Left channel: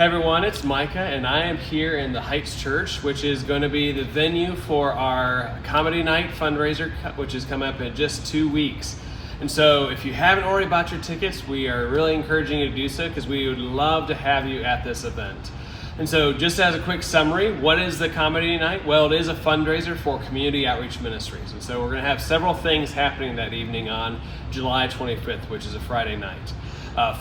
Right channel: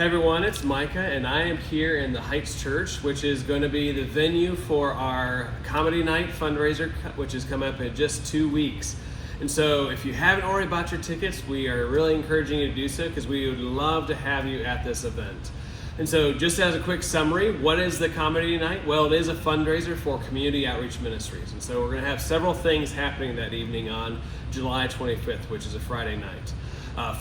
Hey everyone, it's Micah, and I am here in the Heights Church, which is going to be the venue for our Comedy Night fundraiser, which is coming up in just 2 weeks. And so if you haven't already bought your tickets, we are really encouraging you to do so because we would love to have you at this event. And so just as a quick summary, what is the Comedy Night? Well, it is a fundraiser for Community Outreach Ministries. And so we're going to have several things happening that evening on July 25th, which is a Friday night.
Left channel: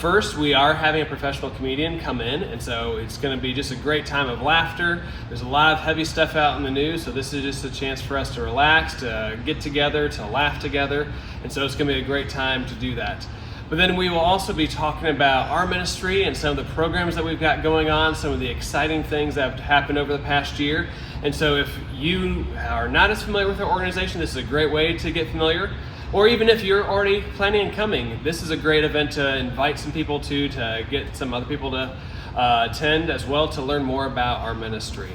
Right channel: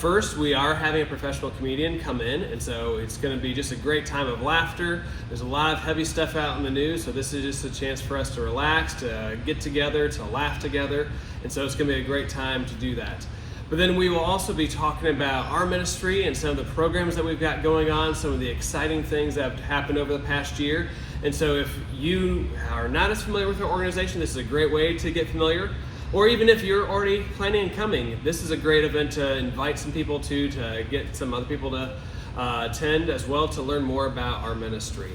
First, we are having a professional comedian come in, and so it's going to be just a great time of laughter. There's a lot of heavy stuff out in the news, so this is just a chance for us to relax, to get together, to laugh together, and so it's going to be a great time to do that. But then we will also be talking about our ministry and some of the programs that we've got going on, some of the exciting things that have happened over the past year. And so if you are not as familiar with our organization, this is a great way to get familiar. Or even if you're already planning on coming, this is a great event to invite some people to get some other people to attend as well to learn more about our ministry.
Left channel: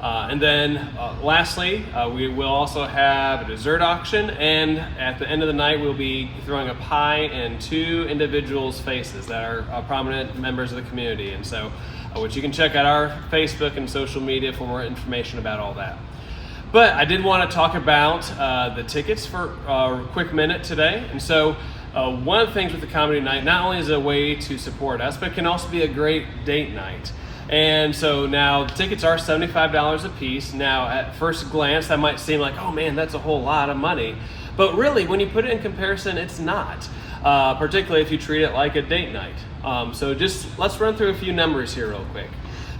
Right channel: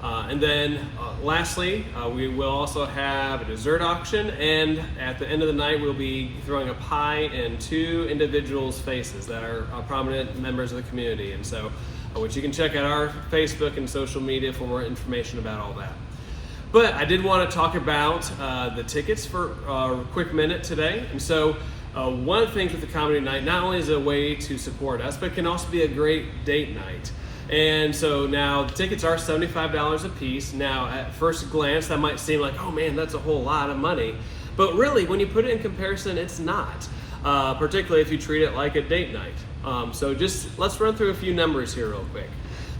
And then lastly, we will also have a dessert auction, and at the end of the night we'll be throwing a pie in 2 individuals' faces that are prominent members of the community. And so which you can check out our Facebook and social media for more information about all that. But I did want to talk about the tickets for a quick minute today. And so one of the things with the Comedy Night, not only is it a way to support us, but it can also be a great date night. And so now the tickets are $75 a piece. Now at first glance that might seem like, oh man, that's a whole lot of money. But really, when you put it in comparison, it's not, particularly if you treat it like a date night. So just let's run through a few numbers here real quick.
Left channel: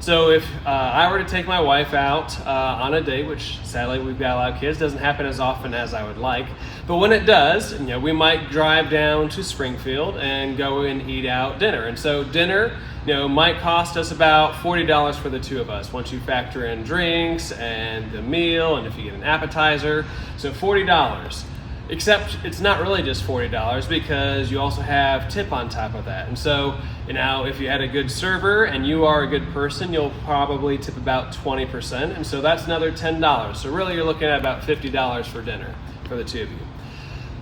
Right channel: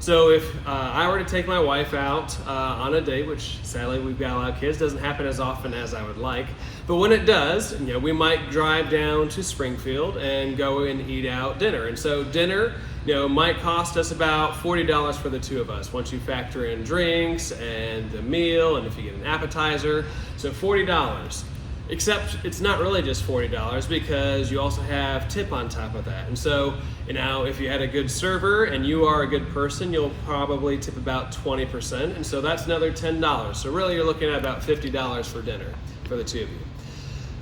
So if I were to take my wife out on a date, which sadly we've got a lot of kids, doesn't happen as often as I would like, but when it does, we might drive down to Springfield and go and eat out dinner. And so dinner, might cost us about $40 for the 2 of us once you factor in drinks and the meal, and if you get an appetizer, so $40. Except it's not really just $40 because you also have tip on top of that. And so, if you had a good server and you are a good person, you'll probably tip about 20%. And so that's another $10. So really you're looking at about $50 for dinner for the 2 of you.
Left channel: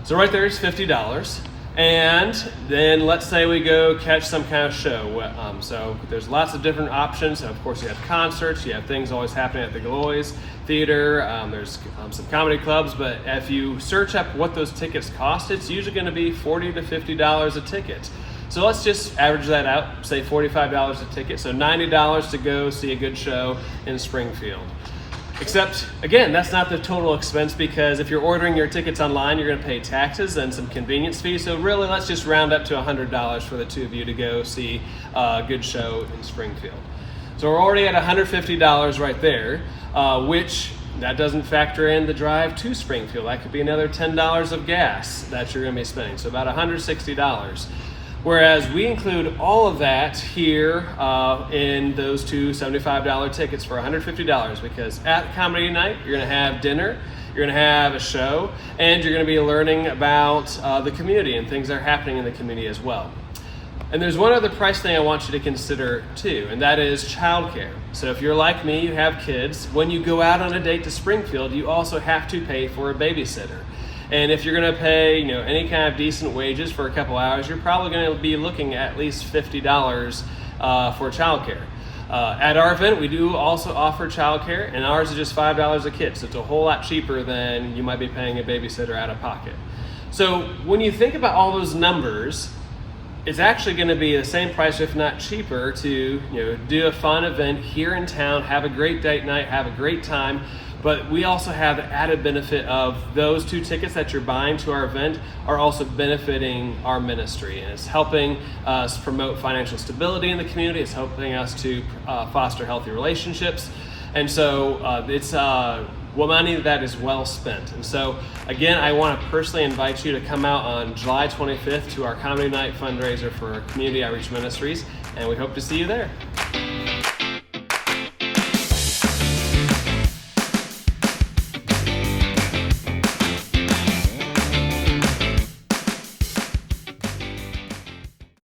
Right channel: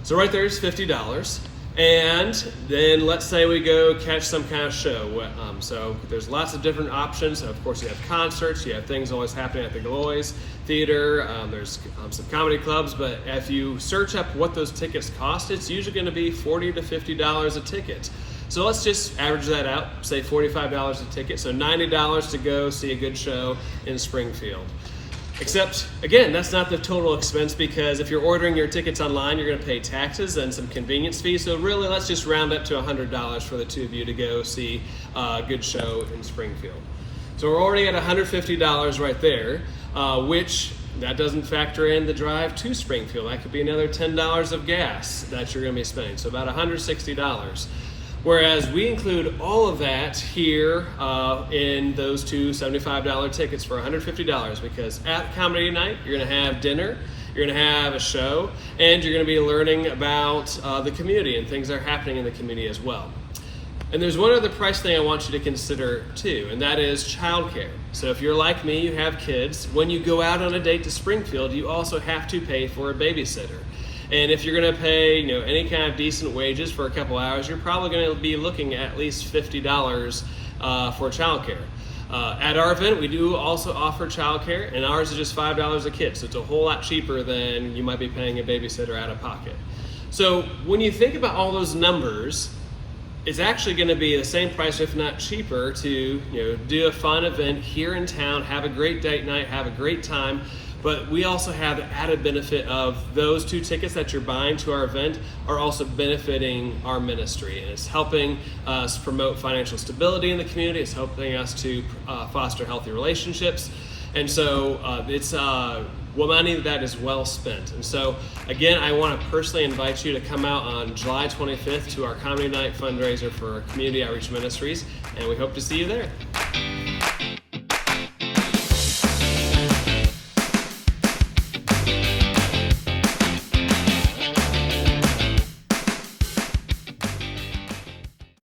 So right there is $50. And then let's say we go catch some kind of show. So there's lots of different options. Of course, you have concerts, you have things always happening at the Galois Theater, there's some comedy clubs, but if you search up what those tickets cost, it's usually going to be $40 to $50 a ticket. So let's just average that out, say $45 a ticket, so $90 to go see a good show in Springfield. Except, again, that's not the total expense because if you're ordering your tickets online, you're going to pay taxes and some convenience fees. So really, let's just round up to $100 for the 2 of you to go see a good show in Springfield. So we're already at $150 right there, which that doesn't factor in the drive to Springfield. That could be another $10 of gas that you're going to be spending, so about $160. Whereas we include all of that here in those 2 $75 tickets for $150 because at Comedy Night, you're going to have dinner, you're going to have a show, and you're going to be learning about the community and things that are happening in the community as well. And there's one other price thing I want you to consider too, and that is childcare. So if you're like me, you have kids, when you go out on a date to Springfield, you also have to pay for a babysitter. And if you're going to pay, any kind of decent wages for a couple hours, you're probably going to be looking at least $50 for childcare. At our event, we do also offer childcare, and ours is just $5 a kid, so it's a whole lot cheaper than you might be paying a babysitter out of pocket. So when you think about all those numbers, it's actually going to be the same price, if not cheaper, to do a fun event here in town, have a great date night, have a great time. But we also have the added benefit of those 2 tickets that you're buying to our event are also benefiting our ministry. And it's helping us promote financial stability in the community. It's helping us to foster healthy relationships. And so it's money that is well spent. And so again, I want to personally invite you to come out on July 25th to our Comedy Night fundraiser for Community Outreach Ministries. And we hope to see you there.